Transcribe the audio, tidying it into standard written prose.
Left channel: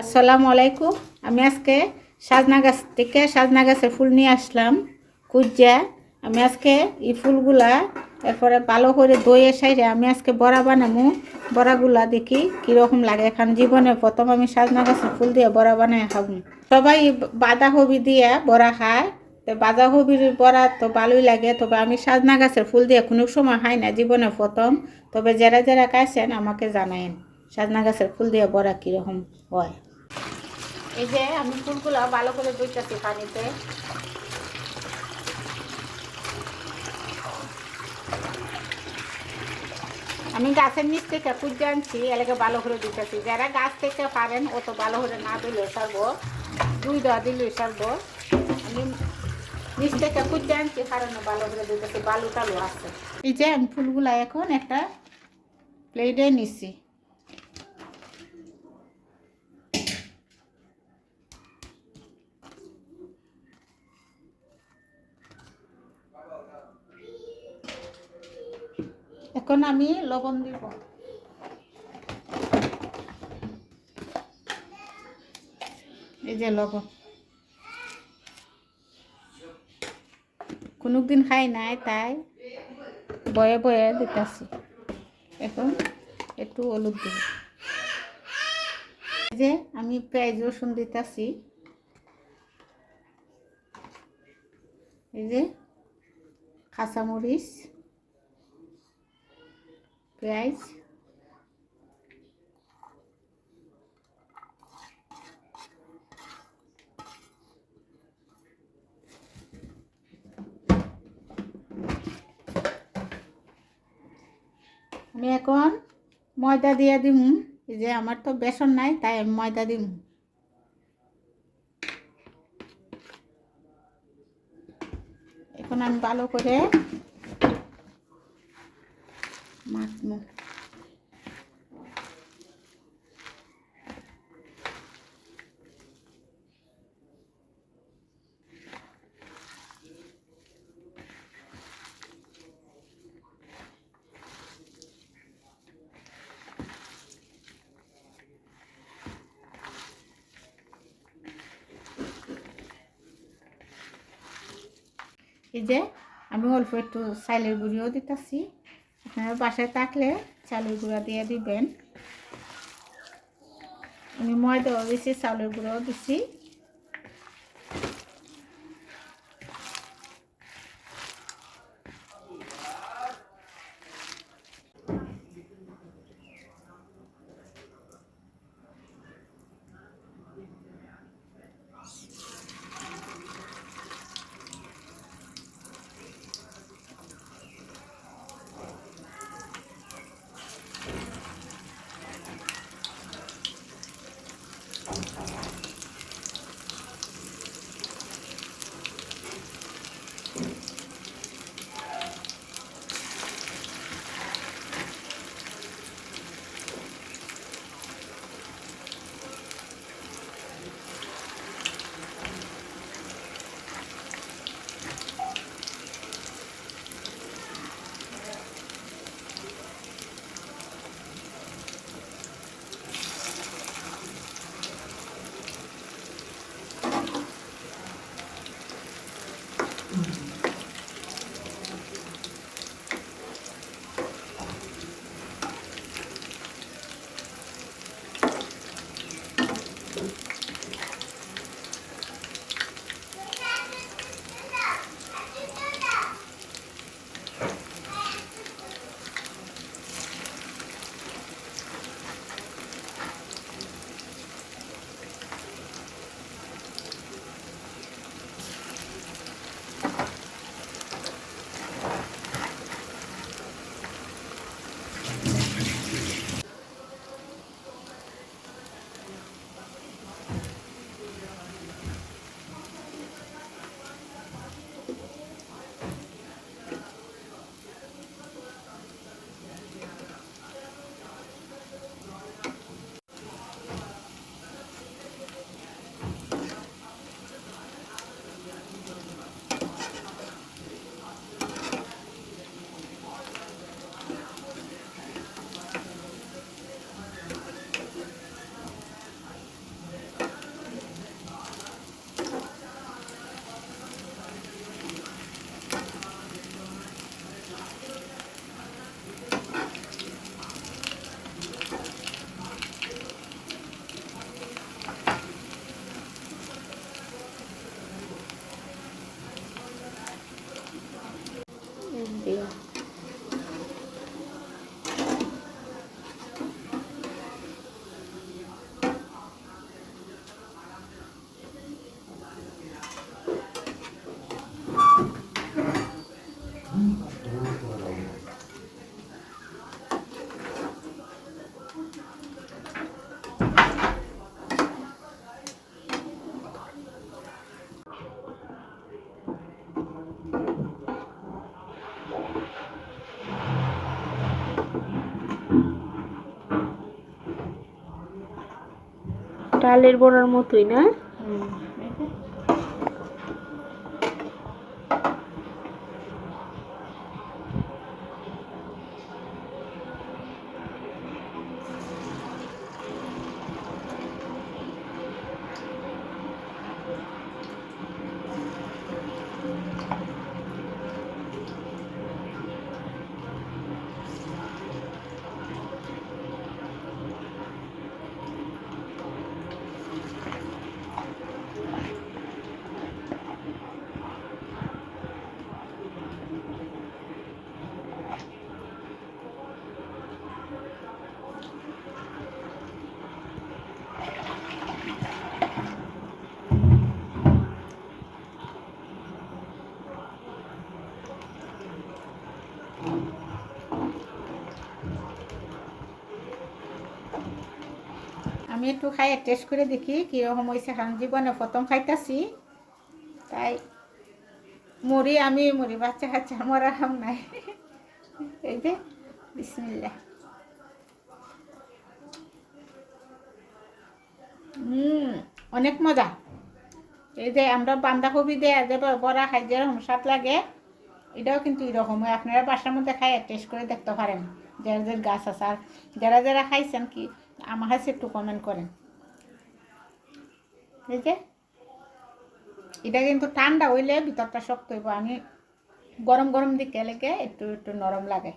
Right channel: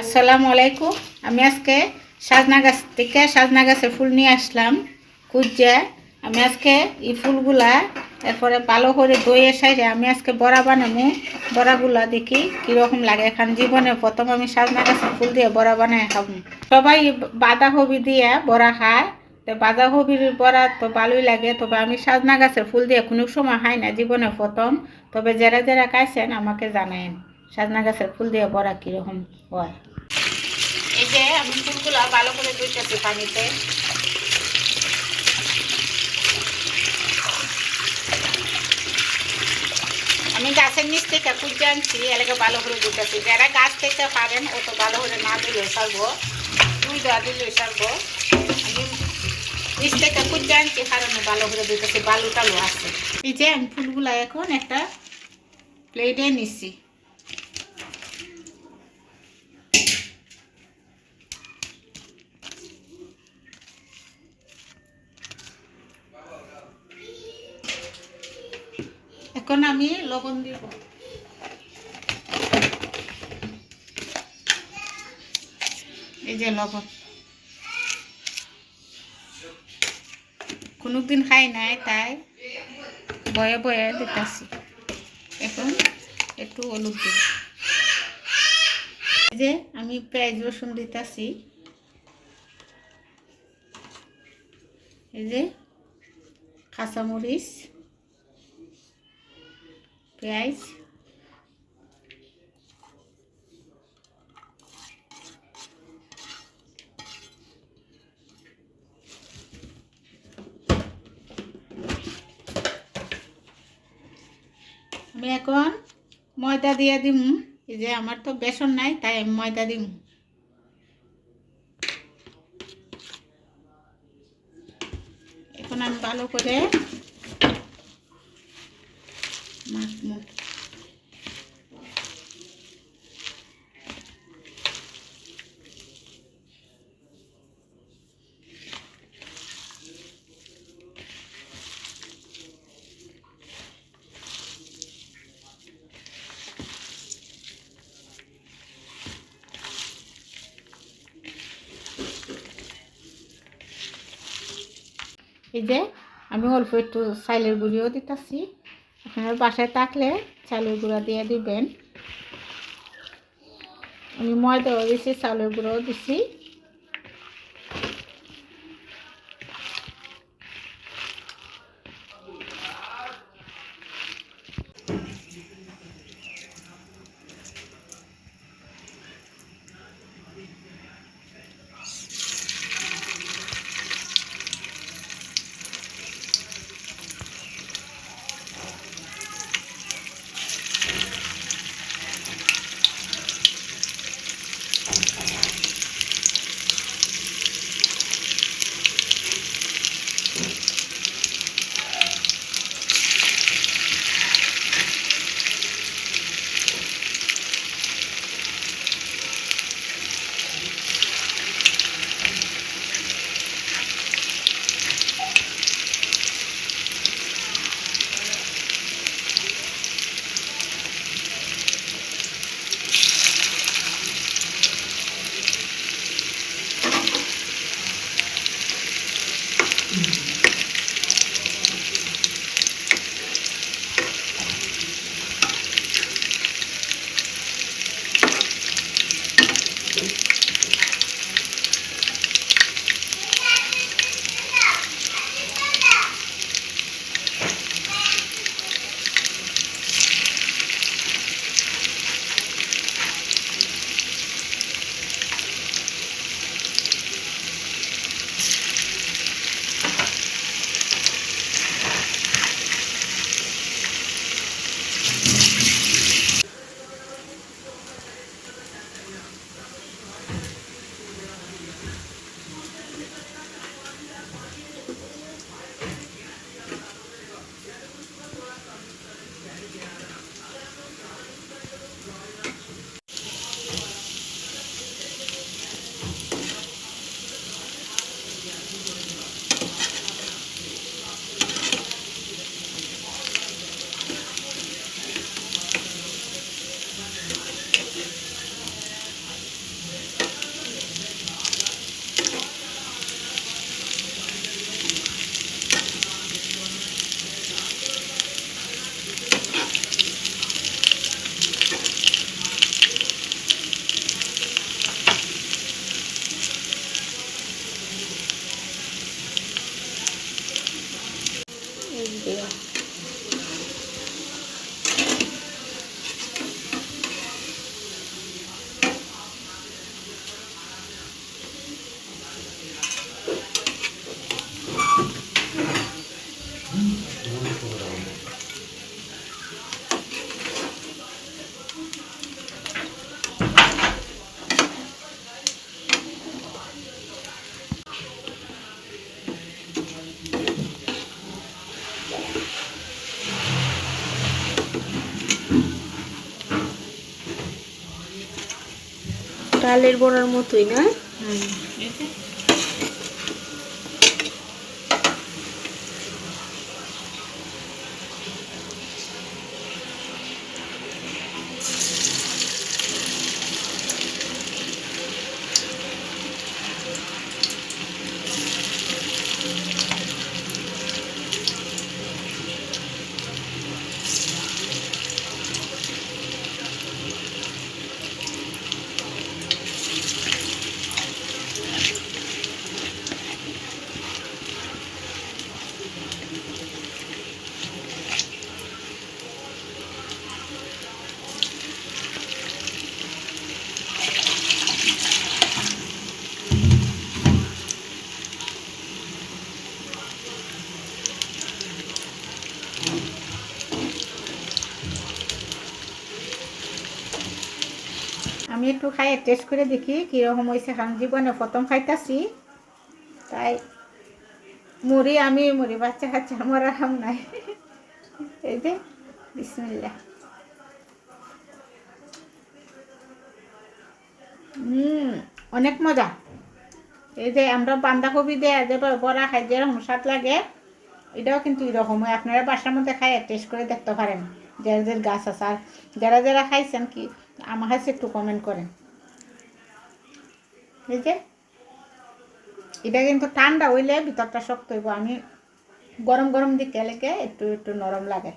আসসালামু আলাইকুম। আমি আজকে সাজনা গাছ থেকে সাজনা গাছে ফুল নিয়ে আসলাম কুজ্জা। আমি আজকে এই ফুলগুলা এরপরে ভালো করে ধুয়ে সাইরে আমি আজকে বড়া বানাবো। বড়াগুলা দেখি কীরকম লাগে। এখন জীবনে প্রথম আমি সাজনা গাছে ফুল দিয়ে বড়া বানায় খাবো। সবাই বাঁধাকপি দিয়ে বড়া খায়, তো বাঁধাকপির বড়া তো ভালোই লাগে, তবে আমি সাজনা গাছের ফুল দিয়ে কোনো সময় খাই না, জীবনে প্রথম। তবে যারা যারা খাইছেন আমাকে জানায়েন সাজনা গাছের ফুল দিয়ে বড়া কীরকম হয়। এই যে আমি ফুলগুলো ভালো করে ধুইতেছি পানিতে। আমি গাছের নিচ থেকে কুঁজে আনছি, এলাকা ভালো করে ধুইতেছি। যারা গাছ থেকে পারেন অত ভালো করে না দিলে সারবো, দুই দেওয়া দিলে সারবো। আমি নিচ থেকে কুঁজে আনছি কারণ ভালো করে ধুইতেছি, বালু টালু আছে। এই যে আমি ফুলগুলা এখন একটা প্লেটে নিচ্ছি। এখন আমি লবণ দিব। এই যে লবণ, কোনোদিন খাই নাই তাই বয়ে বয়ে দিতেছি। এখন একটু হলুদ দিব। এই যে আমি পেঁয়াজ রসুন দিতেছি। এই যে কাঁচামরিচ, পেঁয়াজ, আমি এখন ময়দা দিয়ে দিম। এই যে আমার তো বেসন নাই তাই আমি ময়দা দিম। এখন আমি ভালো করে মাখবো। এই যে আমি অল্প একটু চালের গুঁড়িও দিতেছি। আপনার বাসায় থাকলে চালের গুঁড়া দিয়ে দিবেন। আমি ময়দাও দিছি, চালের গুঁড়াও দিছি। ডালের বড়ার মতোই না? এই যে আমি একটু খাইয়ে টেস্ট করে দেখি কীরকম হয়েছে, কারণ জীবনে প্রথম খাইতেছি। তাই আমি মুড়ি বাচ্চা খাচ্ছি, আমার আরাম নাই। এই যে বিসমিল্লাহ। অনেক মজা। এই যে আমরা বাঁধাকপি দিয়ে যে বড়া খাই যেরকম স্বাদ লাগে, এটাও কিন্তু এরকম হয়। আপনারা বাসার মধ্যে খাই টেস্ট করে দেখতে পারেন, যারা যারা গাছ আছে। আর যারা যারা খাইছেন কি আমার কাছে একটু কমেন্ট করেন। এই যে এটা কিন্তু ঠান্ডা হইলে ভিতরটা শক্ত হইব, আমি গরম গরম দিকে লেগে একটু একটু নরম লাগে।